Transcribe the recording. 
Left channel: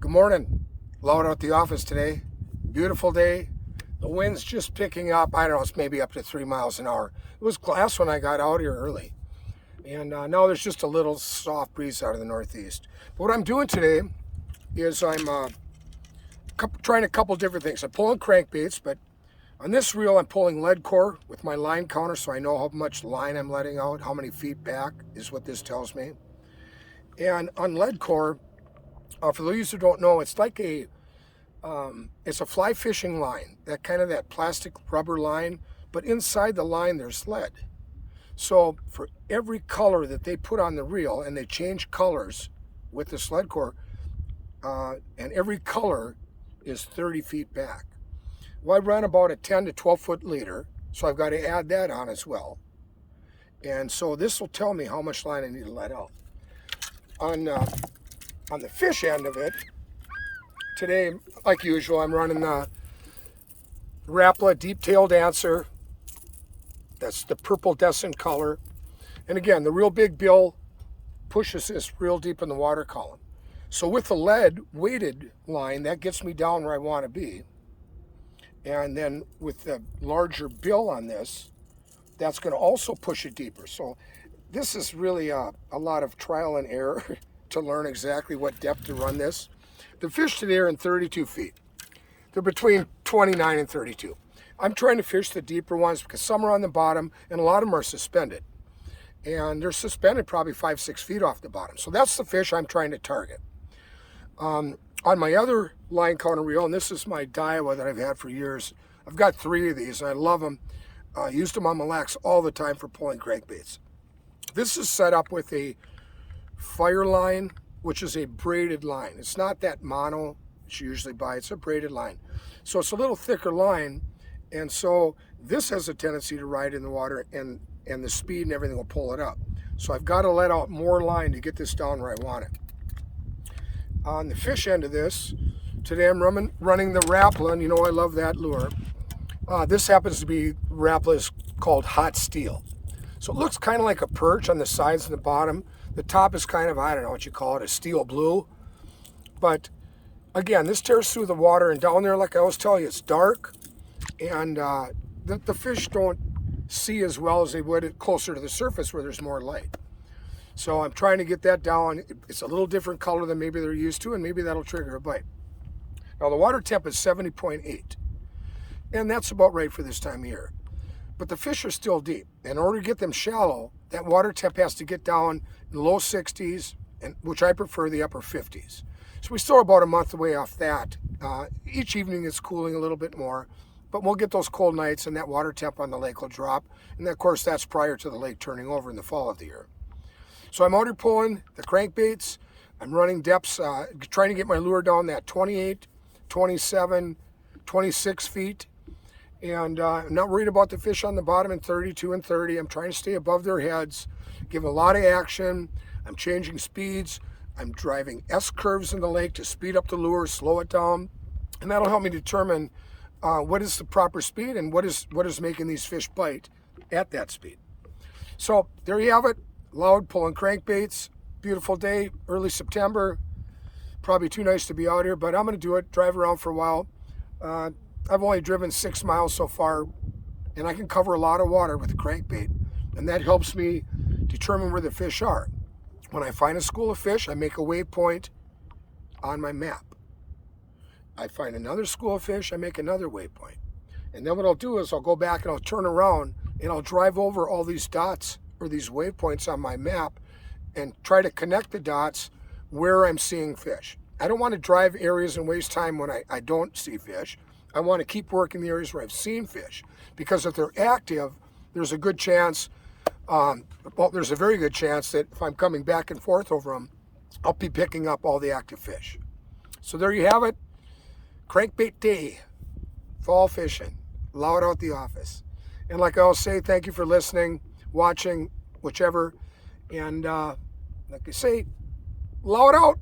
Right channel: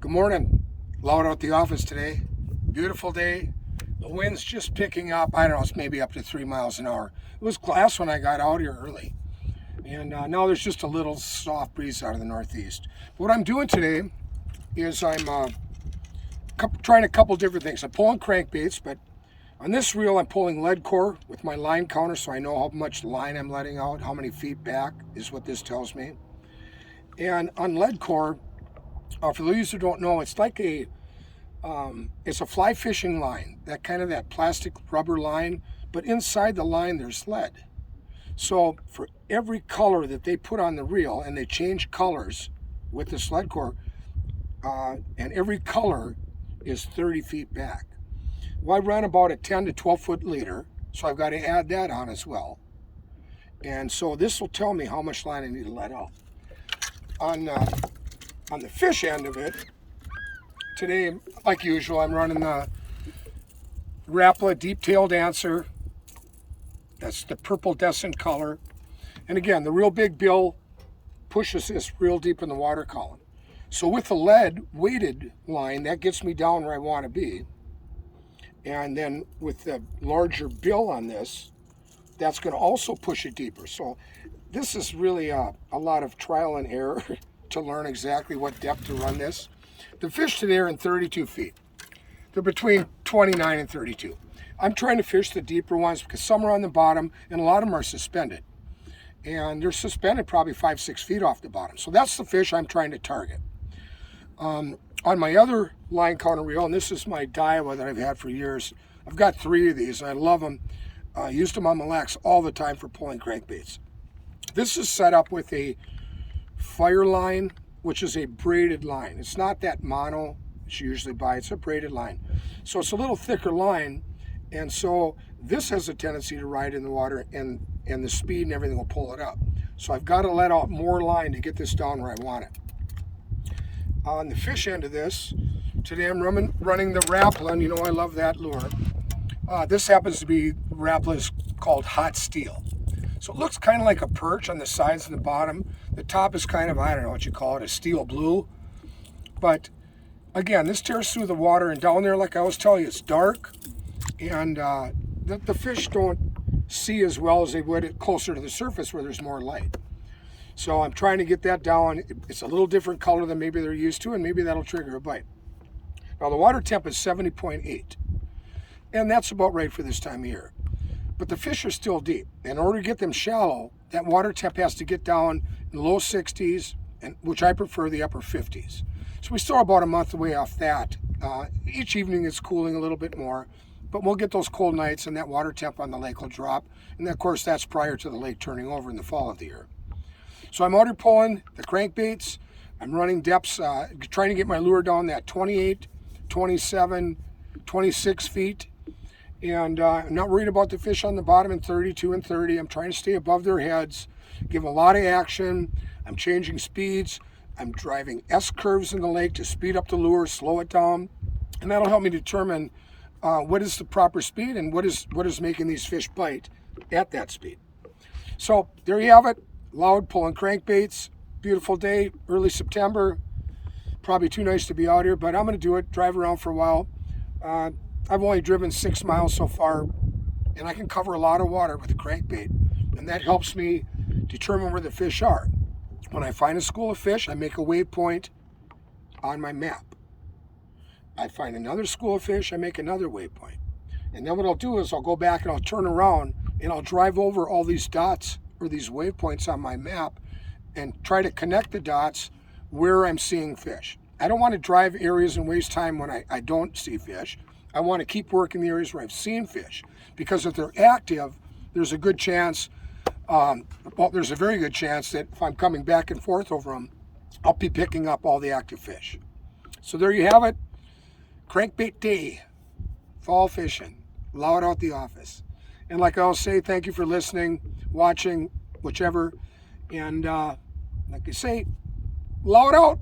Good morning. Loud out the office today. Beautiful day. The wind's just picking up. I don't know, it's maybe up to 3 miles an hour. It was glass when I got out here early. And now there's just a little soft breeze out of the northeast. But what I'm doing today is I'm trying a couple different things. I'm pulling crankbaits, but on this reel I'm pulling lead core with my line counter so I know how much line I'm letting out, how many feet back is what this tells me. And on lead core, for those who don't know, it's like it's a fly fishing line, that plastic rubber line, but inside the line there's lead. So for every color that they put on the reel, and they change colors with this lead core, and every color is 30 feet back. Well, I run about a 10 to 12 foot leader, so I've got to add that on as well. And so this will tell me how much line I need to let out. On the fish end of it, today, like usual, I'm running the Rapala deep-tailed answer. That's the purple descent color. And again, the real big bill pushes this real deep in the water column. So with the lead weighted line, that gets me down where I want to be. And then with the larger bill on this, that's going to also push it deeper. So this is really a lot of trial and error to learn exactly what depth to run this. The fish today are in 32 feet. They're between 29 and 32. I'm trying to fish the deeper ones because some are on the bottom and a lot of them are suspended. And they're suspended probably 5-6 feet off the bottom. So that's the fish I'm trying to target. On my other line counter reel, and this is my Daiwa that I've had for years, I've got 3 of these and I love them. I used them on Mille Lacs all the time for pulling crankbaits. This is set up with a Fireline, which is a braided line. It's not that mono that you usually buy, it's a braided line. So it's a little thicker line, and so this has a tendency to ride in the water, and the speed and everything will pull it up. So I've got to let out more line to get this down where I want it. On the fish end of this, today I'm running the Rapala, and you know I love that lure. This happens to be Rapala's called Hot Steel. So it looks kind of like a perch on the sides and the bottom. The top is kind of, I don't know what you call it, a steel blue. But again, this tears through the water, and down there, like I was telling you, it's dark, and the fish don't see as well as they would closer to the surface where there's more light. So I'm trying to get that down. It's a little different color than maybe they're used to, and maybe that'll trigger a bite. Now the water temp is 70.8, and that's about right for this time of year. But the fish are still deep. In order to get them shallow, that water temp has to get down in the low 60s, and which I prefer the upper 50s. So we still are about a month away off that. Each evening it's cooling a little bit more, but we'll get those cold nights and that water temp on the lake will drop. And of course that's prior to the lake turning over in the fall of the year. So I'm out here pulling the crankbaits. I'm running depths, trying to get my lure down that 28, 27, 26 feet. And I'm not worried about the fish on the bottom in 32 and 30. I'm trying to stay above their heads, give a lot of action. I'm changing speeds. I'm driving S-curves in the lake to speed up the lure, slow it down. And that'll help me determine what is the proper speed and what is making these fish bite at that speed. So there you have it. Loud pulling crankbaits. Beautiful day, early September. Probably too nice to be out here, but I'm going to do it, drive around for a while. I've only driven 6 miles so far, and I can cover a lot of water with the crankbait, and that helps me determine where the fish are. When I find a school of fish, I make a waypoint on my map. I find another school of fish, I make another waypoint. And then what I'll do is I'll go back and I'll turn around and I'll drive over all these dots or these waypoints on my map and try to connect the dots where I'm seeing fish. I don't want to drive areas and waste time when I don't see fish. I want to keep working the areas where I've seen fish, because if they're active, there's a good chance, there's a very good chance that if I'm coming back and forth over them, I'll be picking up all the active fish. So there you have it. Crankbait day, fall fishing, loud out the office. And like I always say, thank you for listening, watching, whichever. And like I say, loud out.